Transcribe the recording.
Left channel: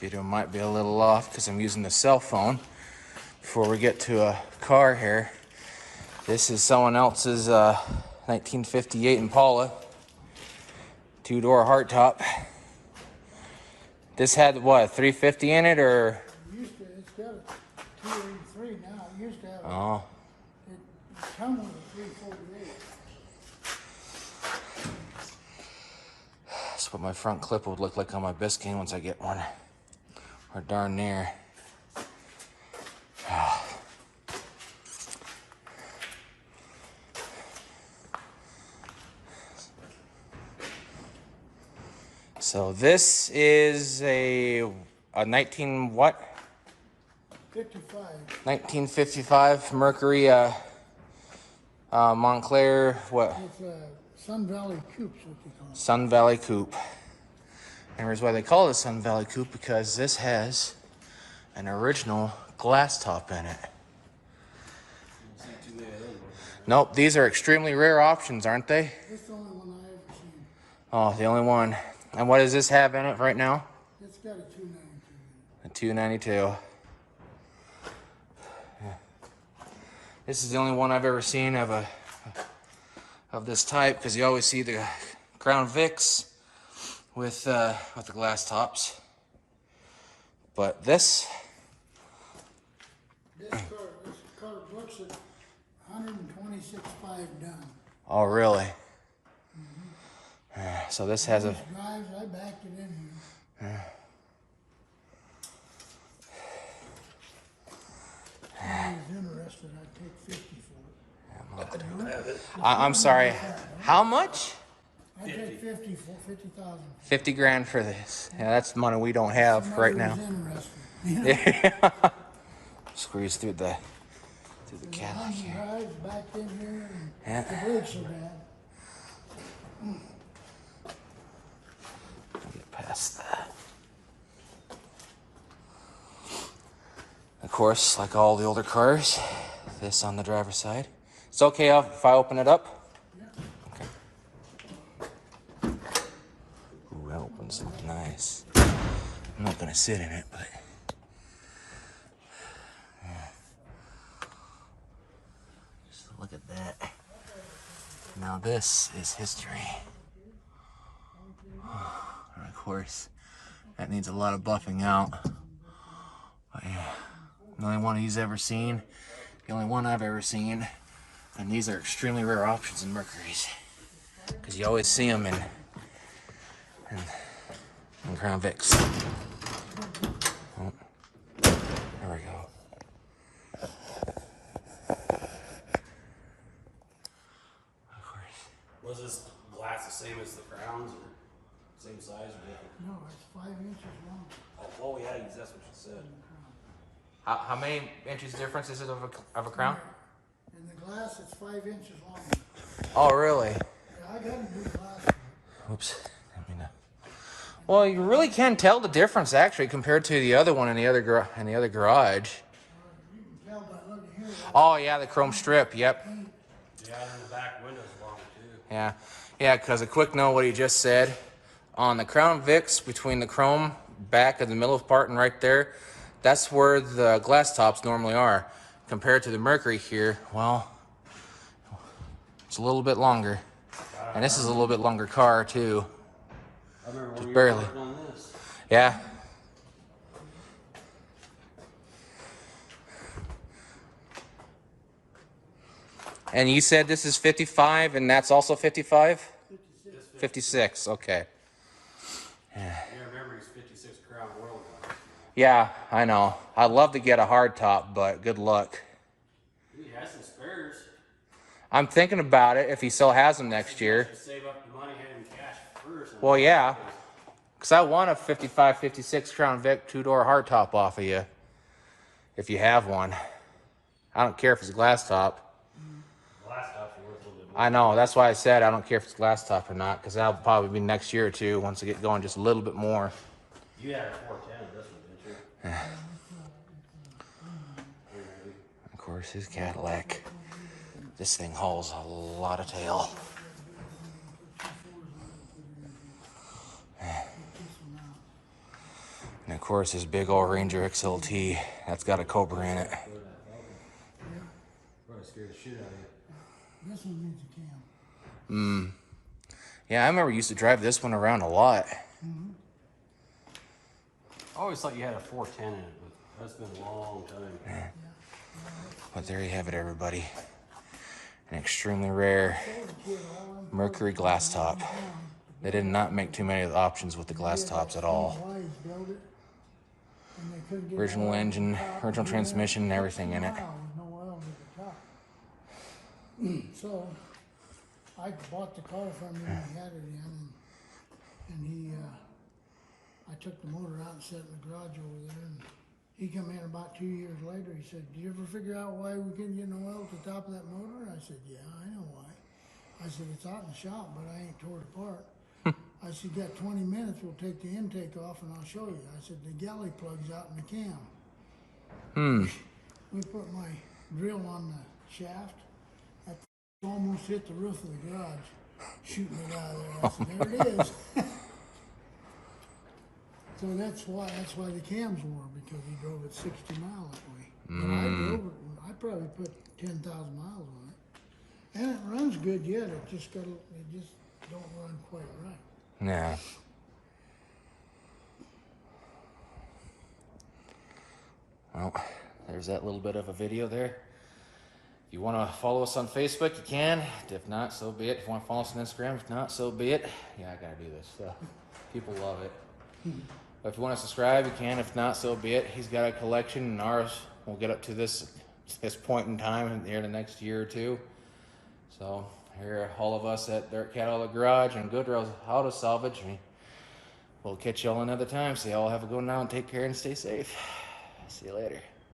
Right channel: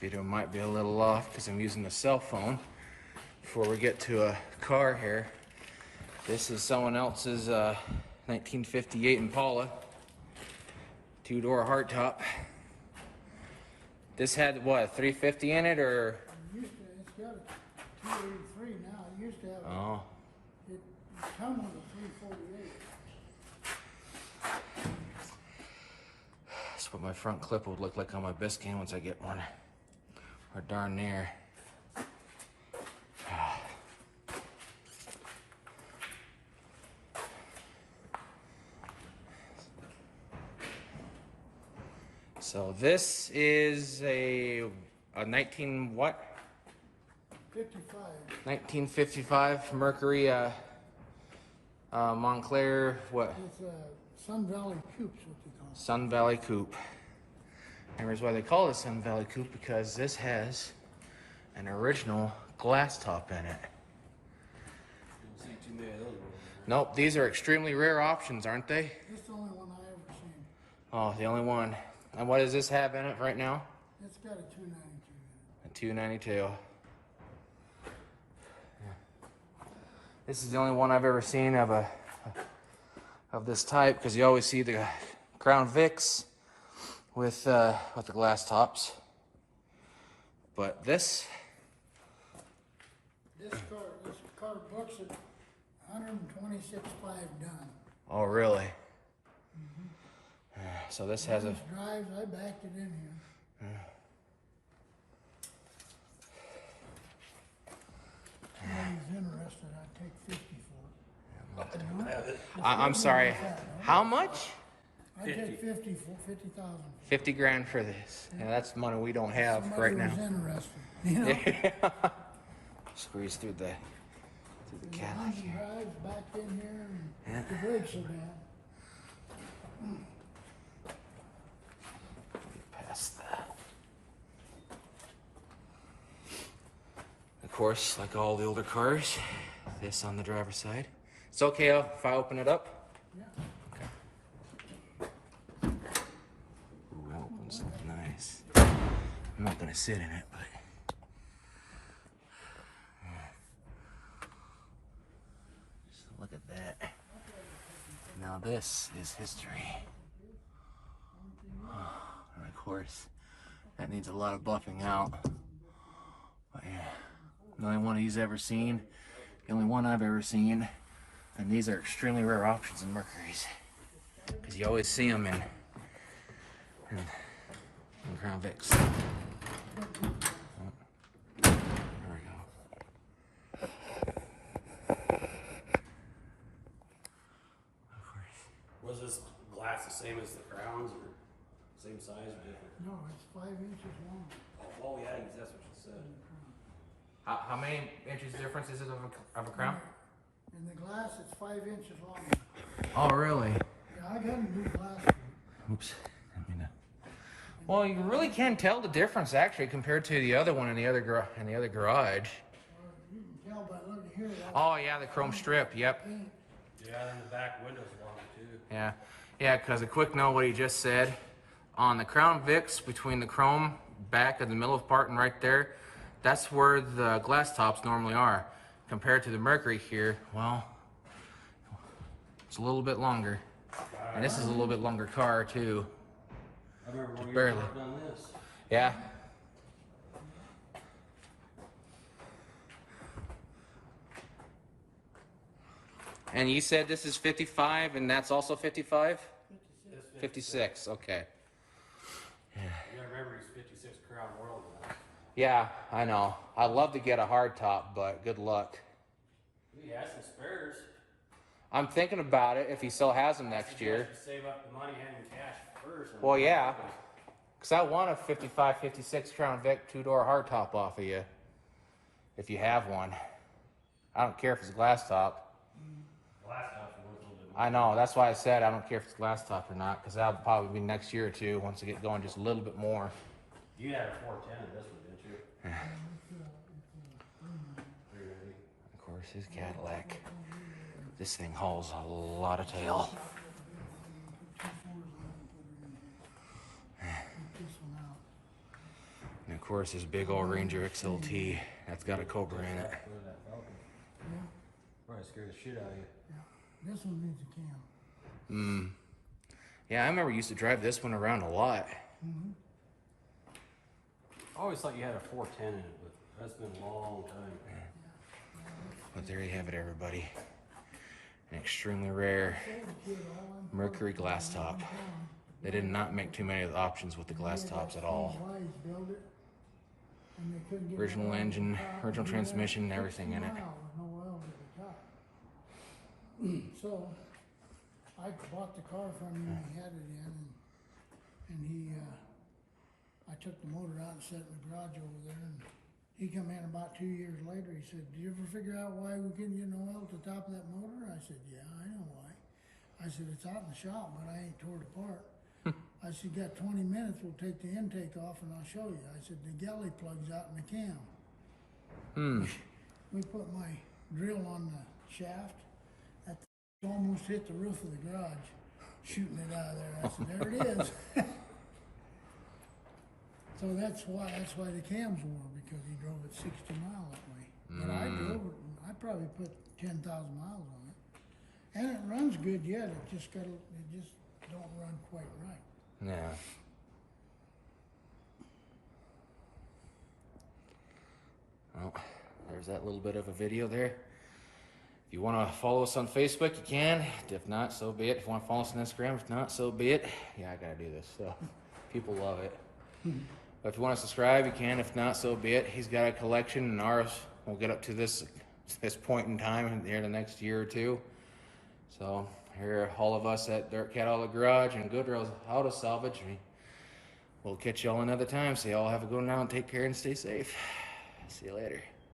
Video might be a little off because I'm using the cell phone. Before we get to a car here, this is someone else's 1958 Impala, two-door hardtop. This had what, a 350 in it, or? It's got a 283 now. It used to have. Oh. It come with a 348. That's what my front clip would look like on my Biscayne once I get one. Or darn near. So this is a 1955 Mercury Montclair, what? It's a Sun Valley Coupe, what they call it. Sun Valley Coupe. And here's why they call it a Sun Valley Coupe, because this has an original glass top in it. Nope, these are extremely rare options, aren't they? It's the only one I ever seen. Oh, the only one. And what does this have in it right now? It's got a 292 in A 292. Yeah. This is the only one I've ever seen of this type, because you always see the Crown Vics with the glass tops. But this car books at 126.5 done. Oh, really? So this has a drives. I backed it in here. If I was interested, I'd take 50 for it. I'm sorry. How much? I'd take 50,000. 50 grand for this. Yeah, that's money we don't have Somebody right now. who's interested, you know? Yeah. Squeeze through the Cadillac. The drives back in here, and Yeah. the brakes are bad. Get past that. Of course, like all the older cars, this on the driver's side. It's okay if I open it up? Ooh, that opens nice. I'm not gonna sit in it, but just look at that. Now this is history. And of course, that needs a lot of buffing out. But yeah, the only one he's ever seen, the only one I've ever seen, and these are extremely rare options in Mercury's, because you always see them in Crown Vics. Oh, there we go. Of course. Was this glass the same as the Crowns, or same size or different? No, it's 5 inches long. Oh yeah, that's what you said. How many inches difference is it of a Crown? In the glass, it's 5 inches long. Oh, really? Yeah, I got a new glass. Oops. Well, you really can tell the difference actually compared to the other one in the other garage. You can tell by looking here. Oh yeah, the chrome strip. Yep. Yeah, and the back window's long too. Yeah, yeah. Because a quick note, what he just said on the Crown Vics, between the chrome back of the middle part and right there, that's where the glass tops normally are. Compared to the Mercury here, well, it's a little bit longer, and this is a little bit longer car too. I remember Just when barely. you worked on this. Yeah. And you said this is 55, and that's also 55? 56, okay. Yeah, I remember he's 56 Crown World. Yeah, I know. I'd love to get a hardtop, but good luck. He has some spares. I'm thinking about it if he still has them next year. Save up the money, hand him cash first. Well, yeah. Because I want a 55, 56 Crown Vic two-door hardtop off of you. If you have one. I don't care if it's a glass top. Glass top's worth a little bit more. I know. That's why I said I don't care if it's glass top or not. Because that'll probably be next year or two once I get going just a little bit more. You had a 410 this one, didn't you? Of course, his Cadillac. This thing hauls a lot of tail. course, his big old Ranger XLT. That's got a Cobra in it. Probably scared the shit out of you. This one needs a cam. Yeah, I remember used to drive this one around a lot. I always thought you had a 410 in it, but that's been a long time. But there you have it, everybody. An extremely rare Mercury glass top. They did not make too many options with the glass tops at all. Original engine, original transmission, and everything in it. So I bought the car from him, he had it in, and I took the motor out and set it in the garage over there, and he come in about 2 years later, he said, "Did you ever figure out why we couldn't get no oil at the top of that motor?" I said, "Yeah, I know why." I said, "It's out in the shop, but I ain't tore it apart." I said, "You got 20 minutes, we'll take the intake off and I'll show you." I said, "The galley plug's out in the cam." We put my drill on the shaft, that almost hit the roof of the garage, shooting it out of there. I said, "There it is." So that's why the cams were, because he drove it 60 miles that way. But I drove it, I probably put 10,000 miles on it. And it runs good yet, it just don't run quite right. Yeah. Well, there's that little bit of a video there. If you want to follow us on Facebook, you can. If not, so be it. If you want to follow us on Instagram, if not, so be it. Yeah, I gotta do this. So people love it. But if you want to subscribe, you can. If not, so be it. He's got a collection, and ours will get up to this point in time here in the next year or two. So here, all of us at DirtCat Auto Garage and Goodrill's Auto Salvage. We'll catch y'all another time. So y'all have a good night and take care and stay safe. See you later.